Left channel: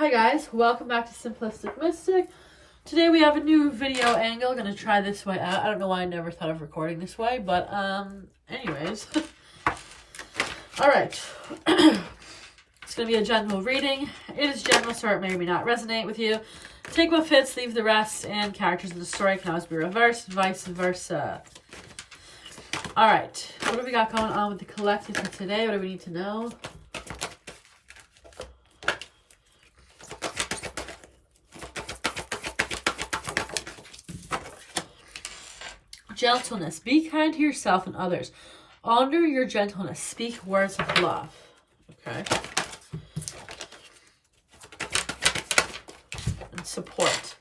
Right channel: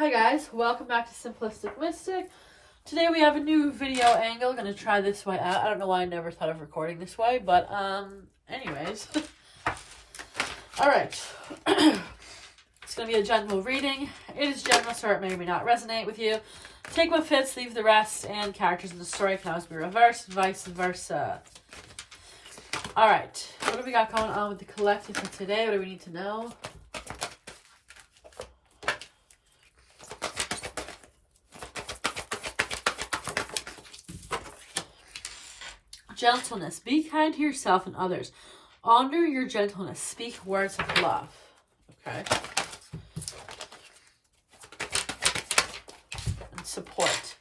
Hi guys, welcome back to Simplistic Mystic. Today we have a new video angle. Gonna try this way out. I don't know why I never thought of recording this way, but anyways. Alright. It's gonna be a general reading. It is general, so it may or may not resonate with you. Take what fits, leave the rest, and characters in the story can always be reversed, vice versa. Alright, what do we got going on with the collective for today? What do we need to know? Gentleness. Be kind to yourself and others. Honor your gentleness. Speak words of love. Okay. And support.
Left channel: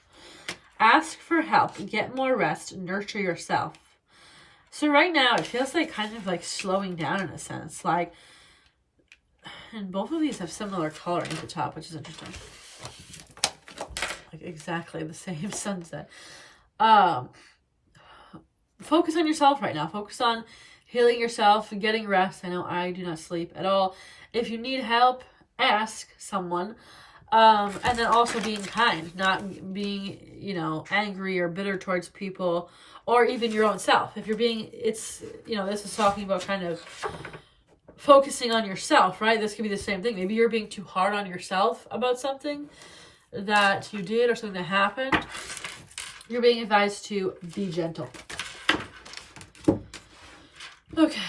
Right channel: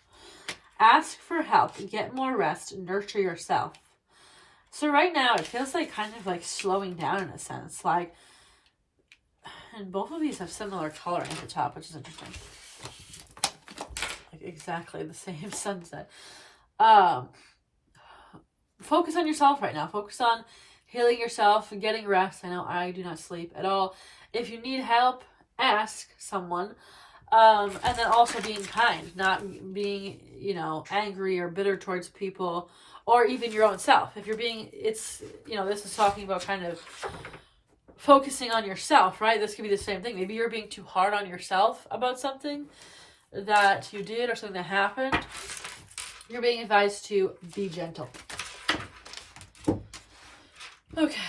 Ask for help. Get more rest. Nurture yourself. So right now, it feels like kind of like slowing down in a sense. Like, and both of these have similar coloring at the top, which is interesting. Like exactly the same sunset. Focus on yourself right now. Focus on healing yourself and getting rest. I know I do not sleep at all. If you need help, ask someone. And then also being kind, not being, angry or bitter towards people or even your own self. If you're being, this is talking about kind of focusing on yourself, right? This could be the same thing. Maybe you're being too hard on yourself about something that you did or something that happened. You're being advised to be gentle. Okay.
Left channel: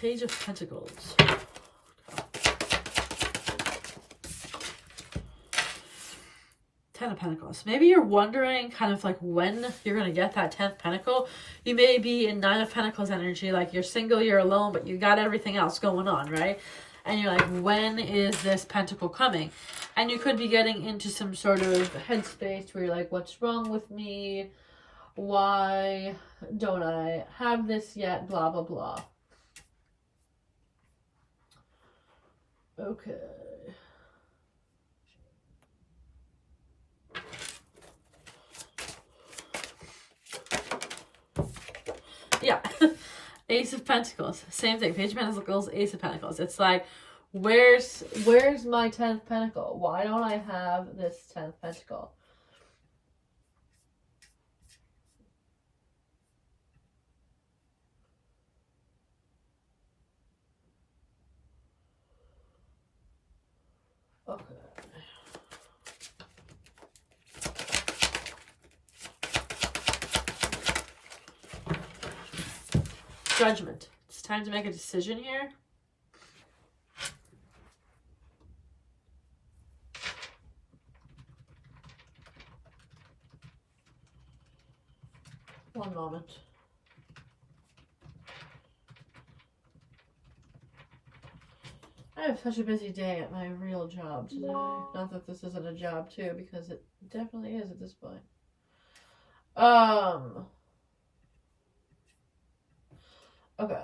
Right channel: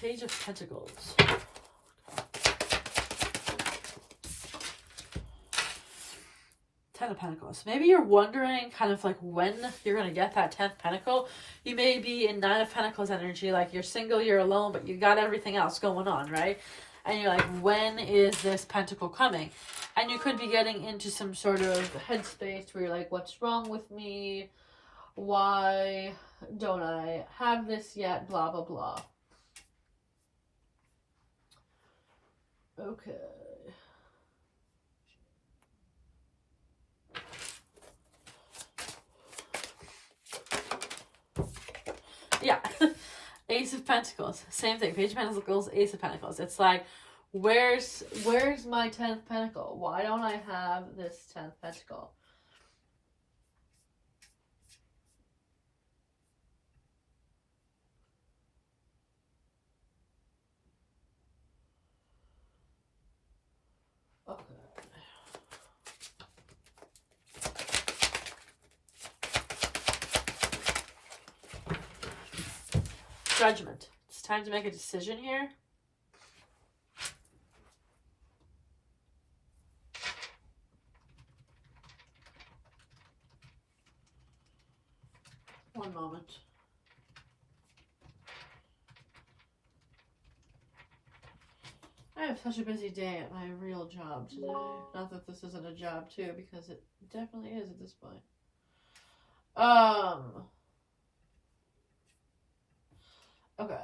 Page of Pentacles. Ten of Pentacles. Maybe you're wondering kind of like when you're going to get that 10th Pentacle. You may be in 9 of Pentacles energy, like you're single, you're alone, but you got everything else going on, right? And you're like, when is this pentacle coming? And you could be getting into some sort of headspace where you're like, what's wrong with me? Why don't I have this yet? Blah, blah, blah. Okay. Yeah. Ace of Pentacles, same thing. Page of Pentacles, Ace of Pentacles. It's like, where's my 10th Pentacle? Why don't I have this 10th Pentacle? Okay. Judgment. It's time to make a decision here. One moment. I have such a busy day at my real job today. Not that this isn't a job too, because it definitely is at this point. Okay.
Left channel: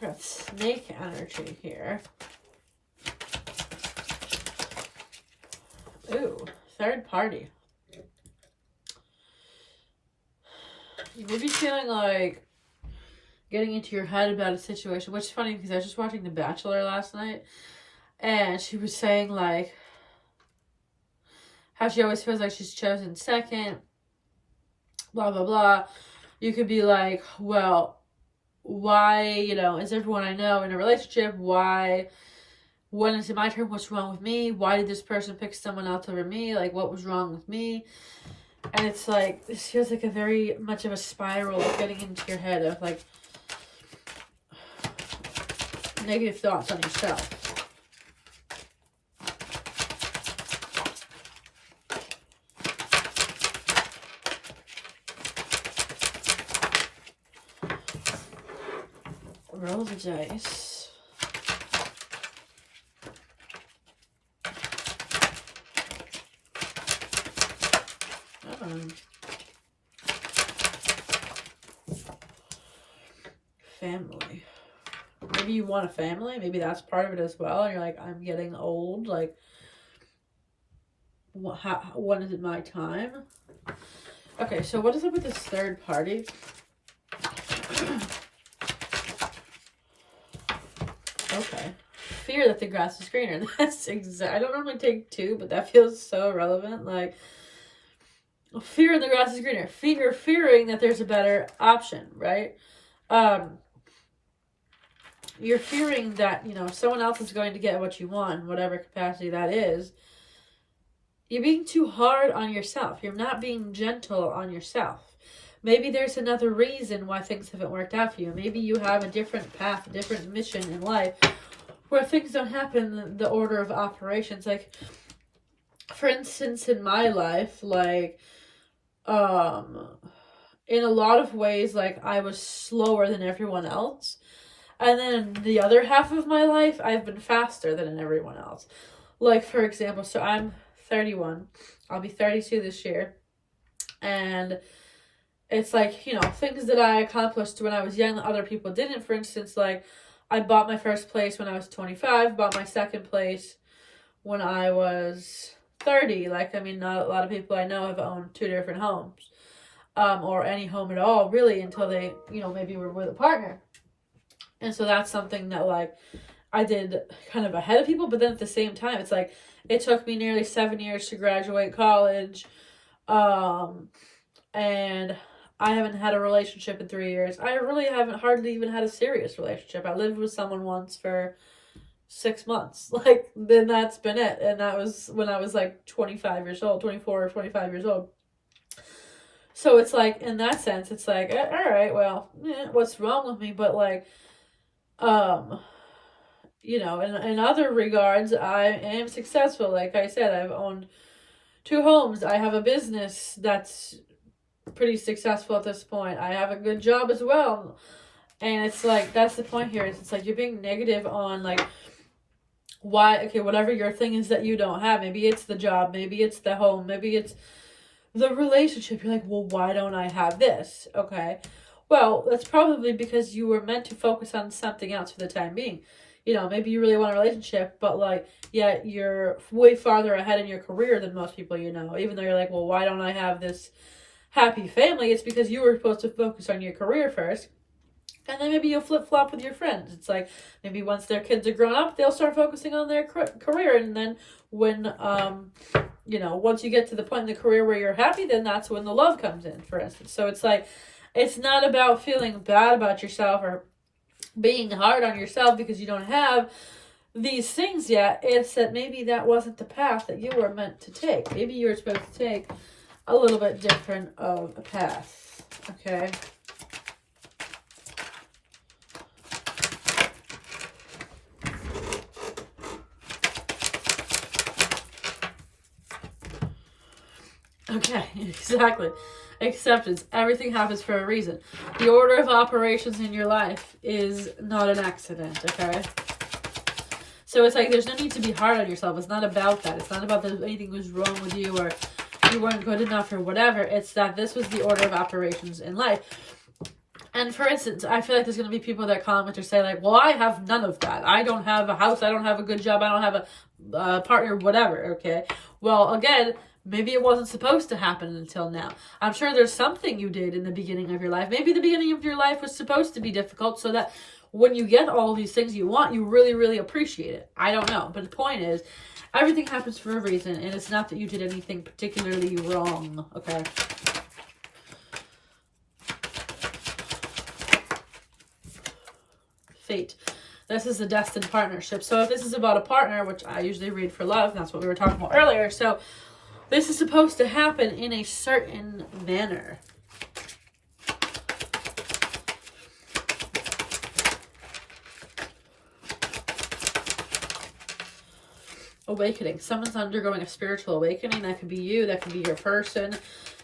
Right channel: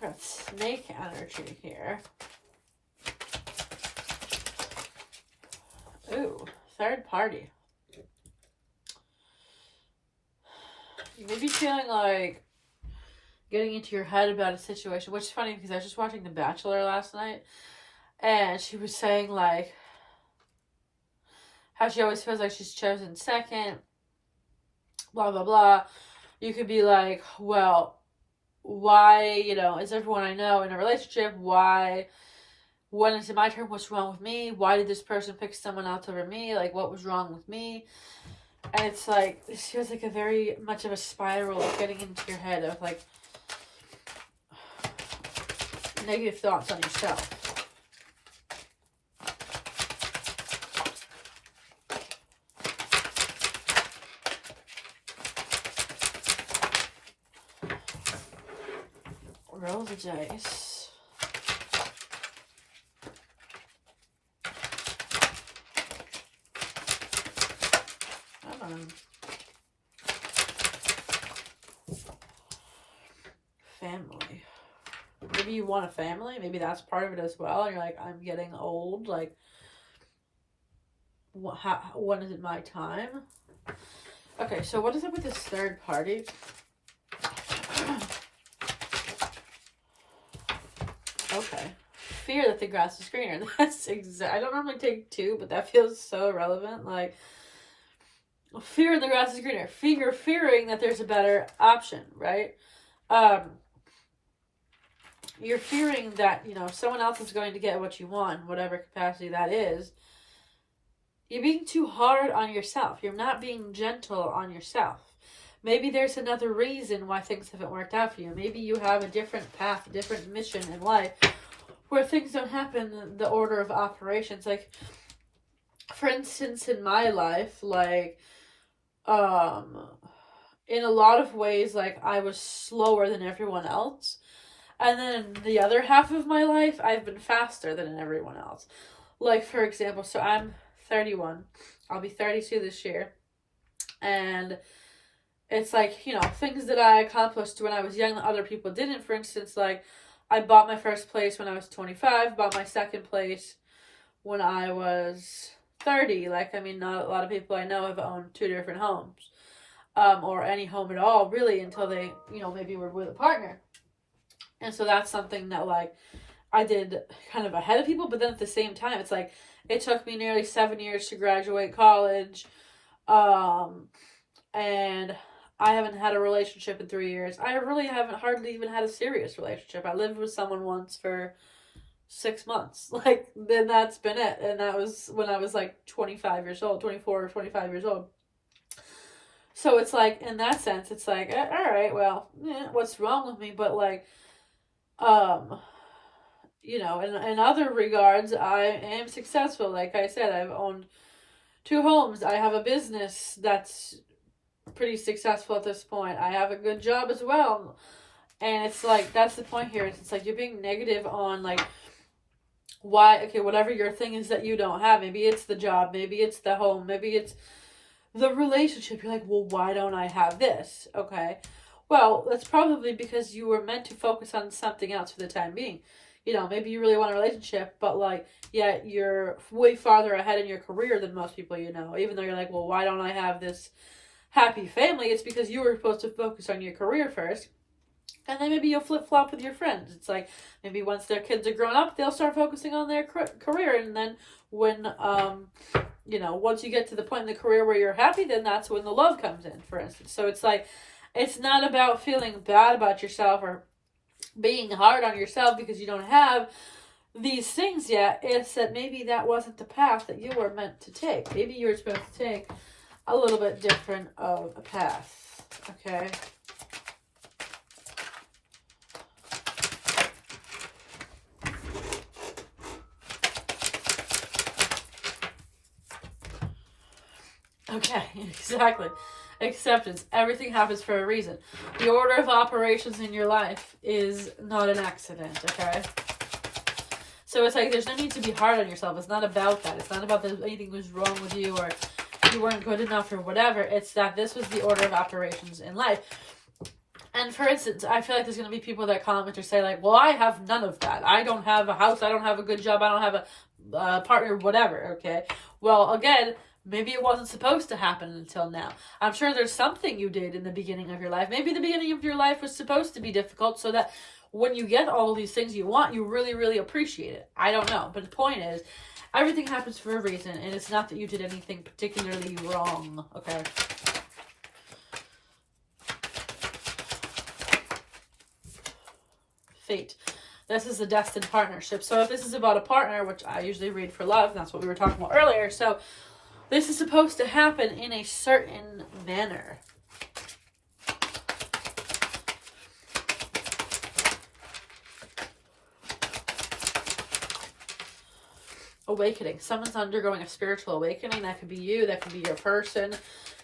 Got snake energy here. Ooh, third party. You would be feeling like getting into your head about a situation, which is funny because I was just watching The Bachelor last night, and she was saying like how she always feels like she's chosen second, blah, blah, blah. You could be like, well, why, is everyone I know in a relationship? Why, when is it my turn? What's wrong with me? Why did this person pick someone else over me? Like, what was wrong with me? And it's like, this feels like a very much of a spiral getting into your head of like negative thoughts on yourself. roll the dice. Come on. Family. Maybe you want a family. Maybe that's part of it as well. And you're like, I'm getting old. Like, when is it my time? Okay, so what is it with this third party? Okay. Fear that the grass is greener. That's I don't normally take two, but that feels so relevant. Like, fear the grass is greener. Fearing that there's a better option, right? You're fearing that, you know, someone else is going to get what you want in whatever capacity that is. You're being too hard on yourself. You're not being gentle on yourself. Maybe there's another reason why things haven't worked out for you. Maybe you have a different path, a different mission in life where things don't happen in the order of operations. Like, for instance, in my life, like, in a lot of ways, like, I was slower than everyone else. And then the other half of my life, I've been faster than everyone else. Like, for example, so I'm 31. I'll be 32 this year. And it's like, you know, things that I accomplished when I was young that other people didn't. For instance, like, I bought my first place when I was 25, bought my second place when I was 30. Like, I mean, not a lot of people I know have owned 2 different homes. Or any home at all, really, until they, you know, maybe were with a partner. And so that's something that, like, I did kind of ahead of people, but then at the same time, it's like, it took me nearly 7 years to graduate college, and I haven't had a relationship in 3 years. I really haven't hardly even had a serious relationship. I lived with someone once for 6 months. Like, then that's been it. And that was when I was, like, 25 years old, 24 or 25 years old. So it's like, in that sense, it's like, all right, well, what's wrong with me? But, like, you know, in other regards, I am successful. Like I said, I've owned 2 homes. I have a business that's pretty successful at this point. I have a good job as well. And it's like, that's the point here. It's like, you're being negative on, like, why, okay, whatever your thing is that you don't have. Maybe it's the job. Maybe it's the home. Maybe it's the relationship. You're like, well, why don't I have this? Okay. Well, that's probably because you were meant to focus on something else for the time being. You know, maybe you really want a relationship, but, like, yeah, you're way farther ahead in your career than most people you know. Even though you're like, well, why don't I have this happy family? It's because you were supposed to focus on your career first. And then maybe you'll flip-flop with your friends. It's like, maybe once their kids are grown up, they'll start focusing on their career. And then when, you know, once you get to the point in the career where you're happy, then that's when the love comes in, for instance. So it's like, it's not about feeling bad about yourself or being hard on yourself because you don't have these things yet. It's that maybe that wasn't the path that you were meant to take. Maybe you were supposed to take a little bit different of a path. Okay. Okay, exactly. Acceptance. Everything happens for a reason. The order of operations in your life is not an accident, okay? So it's like, there's no need to be hard on yourself. It's not about that. It's not about that anything was wrong with you or you weren't good enough or whatever. It's that this was the order of operations in life. And for instance, I feel like there's going to be people that comment or say, like, well, I have none of that. I don't have a house. I don't have a good job. I don't have a partner, whatever, okay? Well, again, maybe it wasn't supposed to happen until now. I'm sure there's something you did in the beginning of your life. Maybe the beginning of your life was supposed to be difficult so that when you get all these things you want, you really, really appreciate it. I don't know. But the point is, everything happens for a reason, and it's not that you did anything particularly wrong, okay? Fate. This is a destined partnership. So if this is about a partner, which I usually read for love, and that's what we were talking about earlier, so this is supposed to happen in a certain manner. Awakening. Someone's undergoing a spiritual awakening. That could be you. That could be your person.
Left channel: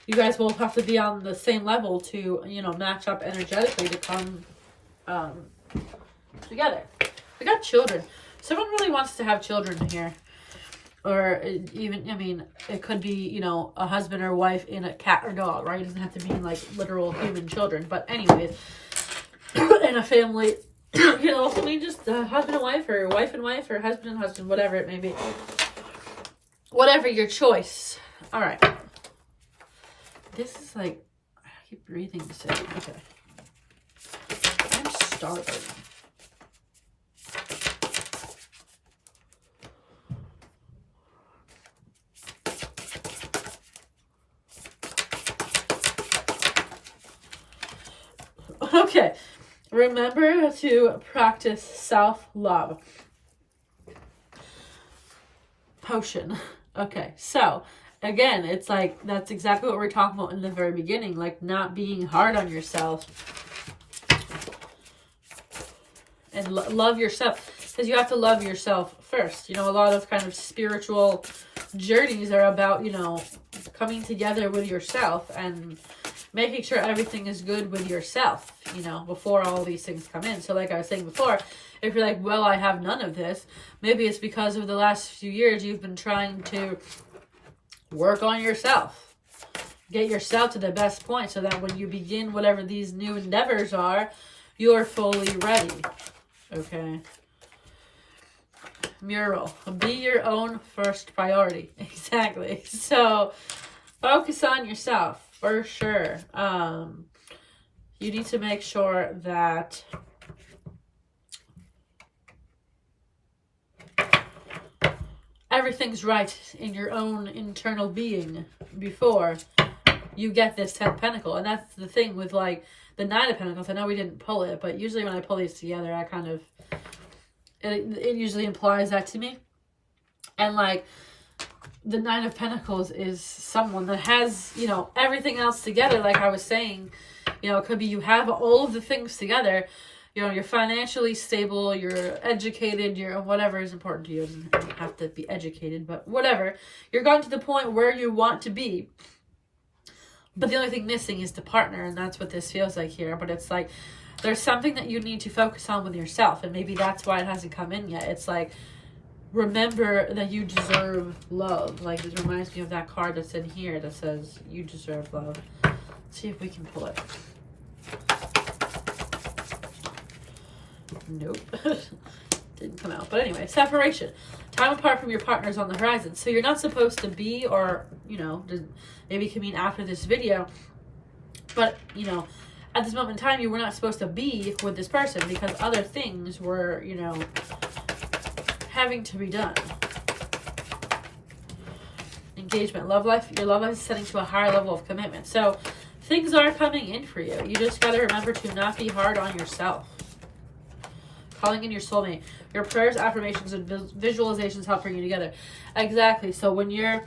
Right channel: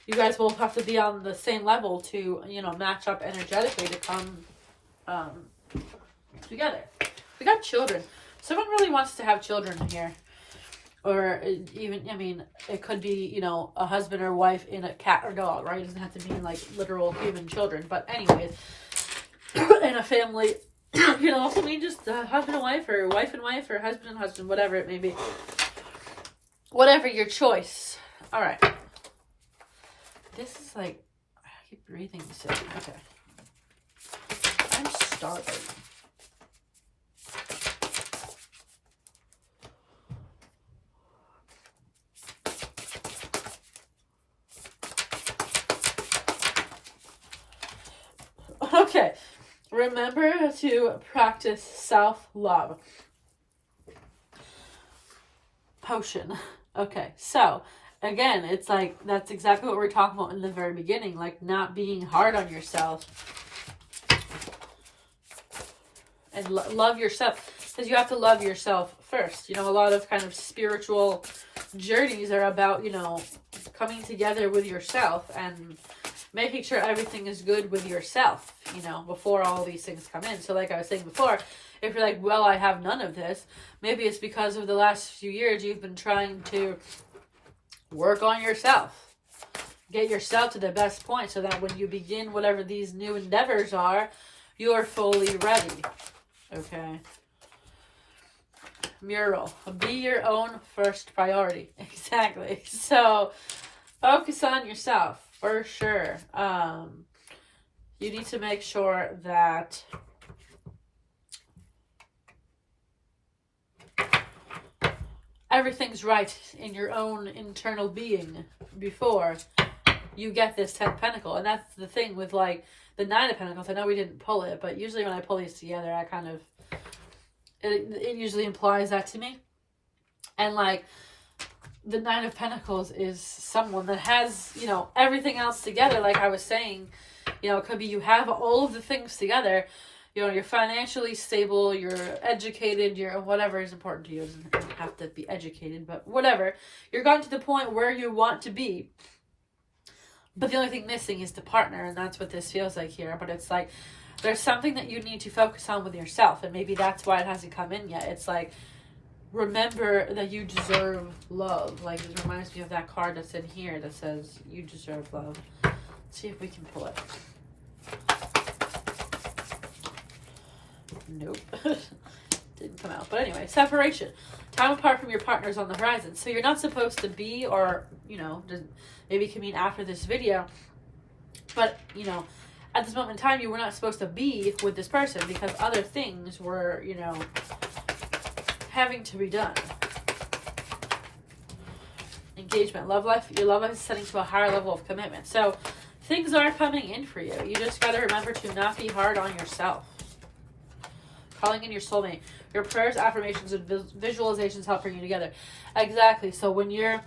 You guys will have to be on the same level to, you know, match up energetically to come together. We got children. Someone really wants to have children here. Or even, I mean, it could be, you know, a husband or wife in a cat or dog, right? It doesn't have to mean like literal human children. But anyways, in a family, you know, also mean just husband and wife or husband and husband, whatever it may be. Whatever your choice. All right. This is like, I keep breathing so. Okay. I'm starving. Okay. Remember to practice self-love. Potion. Okay, so again, it's like that's exactly what we were talking about in the very beginning, like not being hard on yourself and love yourself, because you have to love yourself first. You know, a lot of kind of spiritual journeys are about, you know, coming together with yourself and making sure everything is good with yourself, you know, before all these things come in. So like I was saying before, if you're like, well, I have none of this, maybe it's because of the last few years you've been trying to work on yourself. Get yourself to the best point so that when you begin whatever these new endeavors are, you're fully ready. Okay. Mural. Be your own first priority. Exactly. So focus on yourself for sure. You need to make sure that everything's right in your own internal being before you get this 10 Pentacle. And that's the thing with like the 9 of Pentacles. I know we didn't pull it, but usually when I pull these together, I kind of, it usually implies that to me. And like the 9 of Pentacles is someone that has, you know, everything else together. Like I was saying, you know, it could be you have all of the things together. You know, you're financially stable, you're educated, you're whatever is important to you. It doesn't have to be educated, but whatever. You're gotten to the point where you want to be. But the only thing missing is the partner, and that's what this feels like here. But it's like, there's something that you need to focus on with yourself, and maybe that's why it hasn't come in yet. It's like, remember that you deserve love. Like, it reminds me of that card that's in here that says, you deserve love. Let's see if we can pull it. Nope. Didn't come out. But anyway, separation. Time apart from your partners on the horizon. So you're not supposed to be, or, you know, maybe it can mean after this video. But, you know, at this moment in time, you were not supposed to be with this person because other things were, you know, having to be done. Engagement. Love life. Your love life is setting to a higher level of commitment. So things are coming in for you. You just got to remember to not be hard on yourself. Calling in your soulmate. Your prayers, affirmations, and visualizations help bring you together. Exactly. So when you're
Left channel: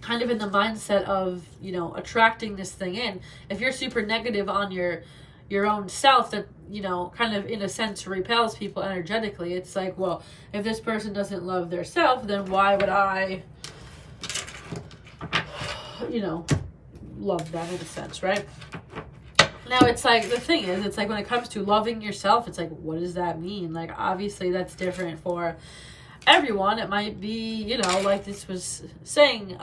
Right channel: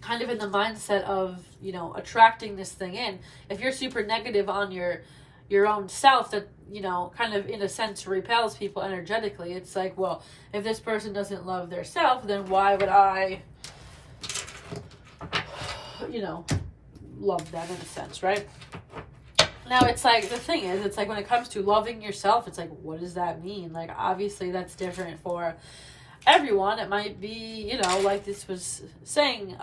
kind of in the mindset of, you know, attracting this thing in, if you're super negative on your own self, that, you know, kind of in a sense repels people energetically. It's like, well, if this person doesn't love their self, then why would I, you know, love them in a sense, right? Now, it's like, the thing is, it's like when it comes to loving yourself, it's like, what does that mean? Like, obviously, that's different for everyone. It might be, you know, like this was saying,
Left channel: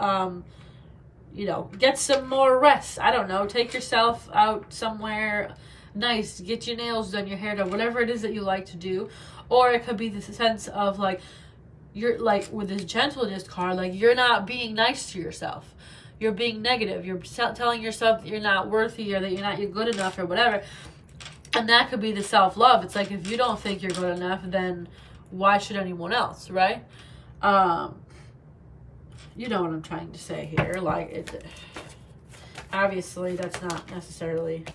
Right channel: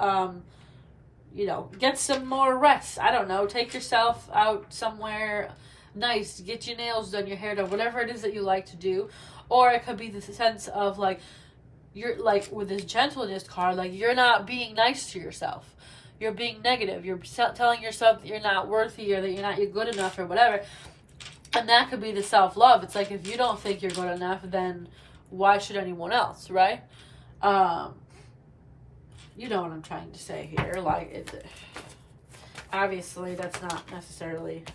you know, get some more rest. I don't know, take yourself out somewhere nice, get your nails done, your hair done, whatever it is that you like to do. Or it could be the sense of, like, you're, like, with this gentleness card, like, you're not being nice to yourself. You're being negative. You're telling yourself that you're not worthy or that you're good enough or whatever. And that could be the self-love. It's like, if you don't think you're good enough, then why should anyone else, right? You know what I'm trying to say here. Like, it, obviously, that's not necessarily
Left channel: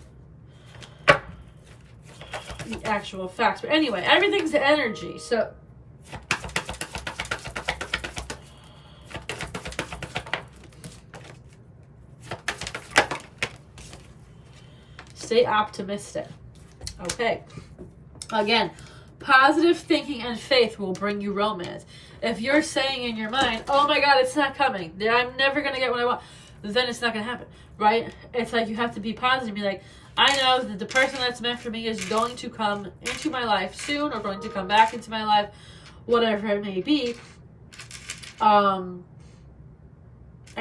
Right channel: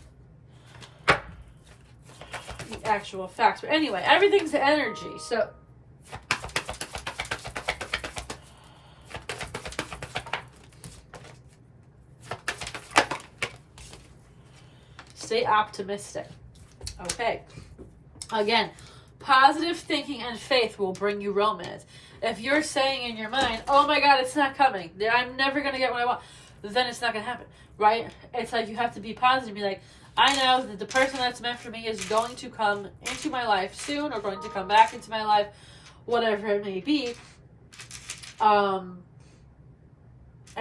the actual facts. But anyway, everything's energy. So stay optimistic. Okay. Again, positive thinking and faith will bring you romance. If you're saying in your mind, oh my God, it's not coming, I'm never going to get what I want, then it's not going to happen, right? It's like you have to be positive and be like, I know that the person that's meant for me is going to come into my life soon, or going to come back into my life, whatever it may be. I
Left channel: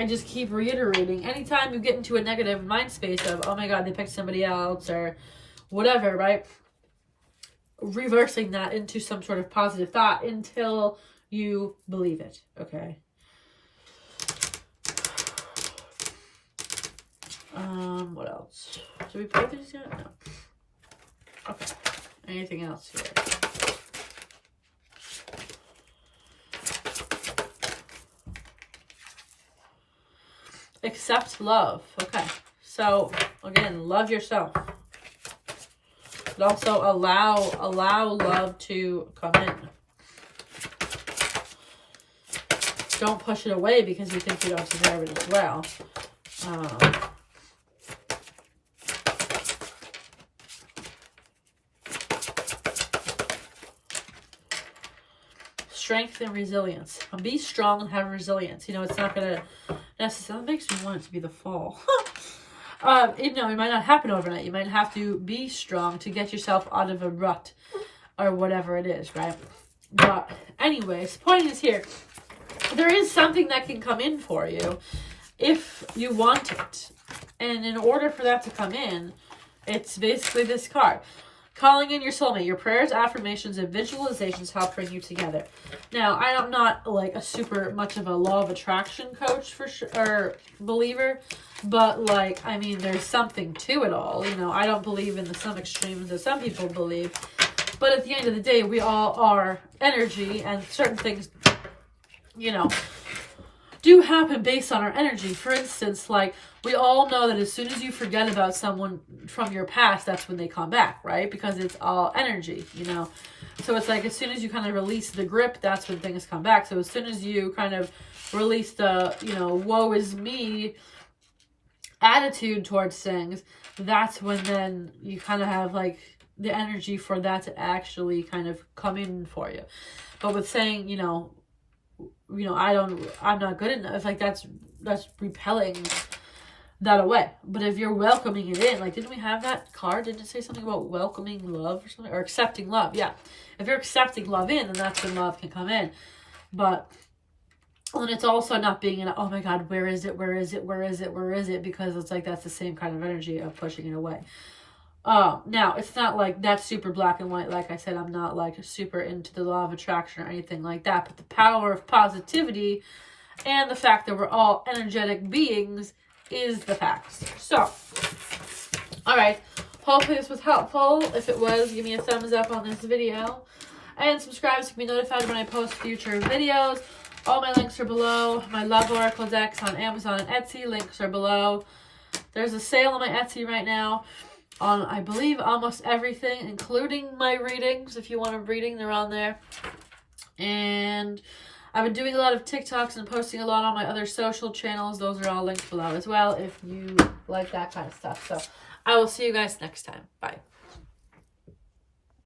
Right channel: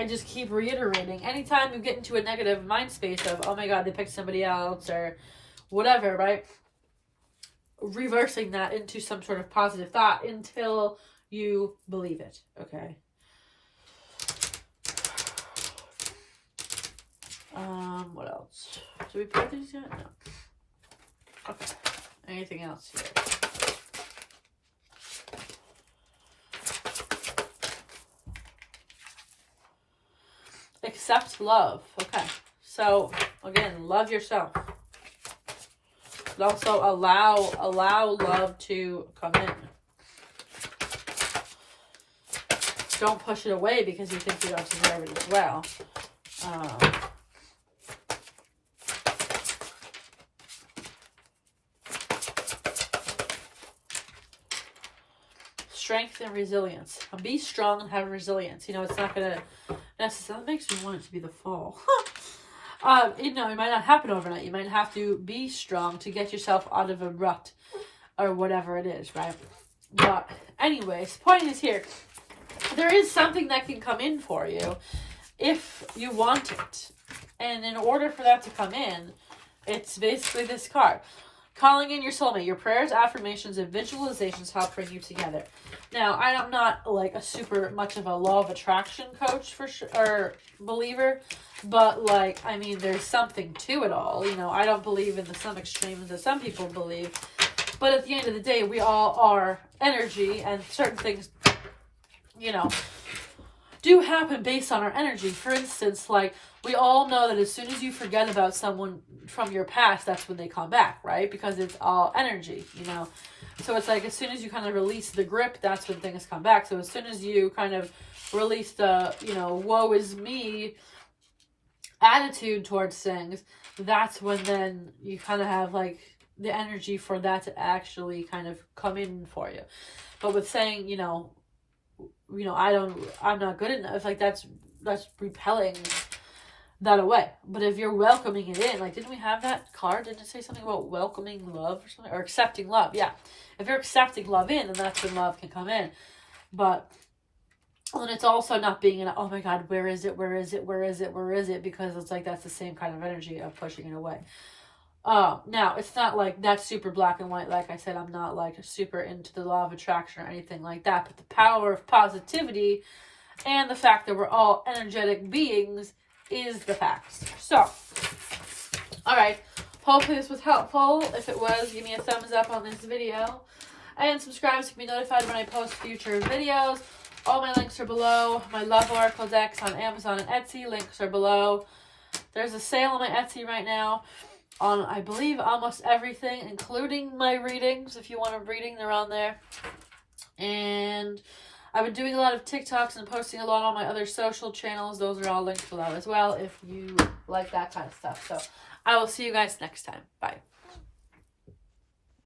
just keep reiterating, anytime you get into a negative mind space of, oh my God, they picked somebody else or whatever, right? Reversing that into some sort of positive thought until you believe it, okay? What else? Did we pull these yet? No. Okay. Anything else here? Accept love. Okay. So, again, love yourself. But also allow love to come in. Don't push it away because you think you don't deserve it as well. Strength and resilience. Be strong and have resilience. You know, it's not going to necessarily, that makes me want it to be the fall. You know, it might not happen overnight. You might have to be strong to get yourself out of a rut or whatever it is, right? But anyways, the point is here, there is something that can come in for you if you want it. And in order for that to come in, it's basically this card. Calling in your soulmate. Your prayers, affirmations, and visualizations help bring you together. Now, I am not like a super much of a law of attraction coach for sure, or believer, but like, I mean, there's something to it all. You know, I don't believe in some extremes that some people believe, but at the end of the day, we all are energy, and certain things, you know, do happen based on our energy. For instance, like, we all know that as soon as you forget about someone from your past, that's when they come back, right? Because it's all energy, you know? So it's like, as soon as you kind of release the grip, that's when things come back. So as soon as you kind of release the, you know, woe is me attitude towards things, that's when then you kind of have like the energy for that to actually kind of come in for you. But with saying, you know, I'm not good enough, like that's repelling that away. But if you're welcoming it in, like, didn't we have that card? Didn't it say something about welcoming love or something? Or accepting love, yeah. If you're accepting love in, then that's when love can come in. But then it's also not being in, oh my God, where is it? Where is it? Where is it? Where is it? Because it's like, that's the same kind of energy of pushing it away. Now, it's not like that's super black and white. Like I said, I'm not like super into the law of attraction or anything like that. But the power of positivity and the fact that we're all energetic beings is the facts. So, all right. Hopefully this was helpful. If it was, give me a thumbs up on this video. And subscribe to be notified when I post future videos. All my links are below. My Love Oracle decks on Amazon and Etsy. Links are below. There's a sale on my Etsy right now on, I believe, almost everything, including my readings. If you want a reading, they're on there. And I've been doing a lot of TikToks and posting a lot on my other social channels. Those are all linked below as well if you like that kind of stuff. So I will see you guys next time. Bye.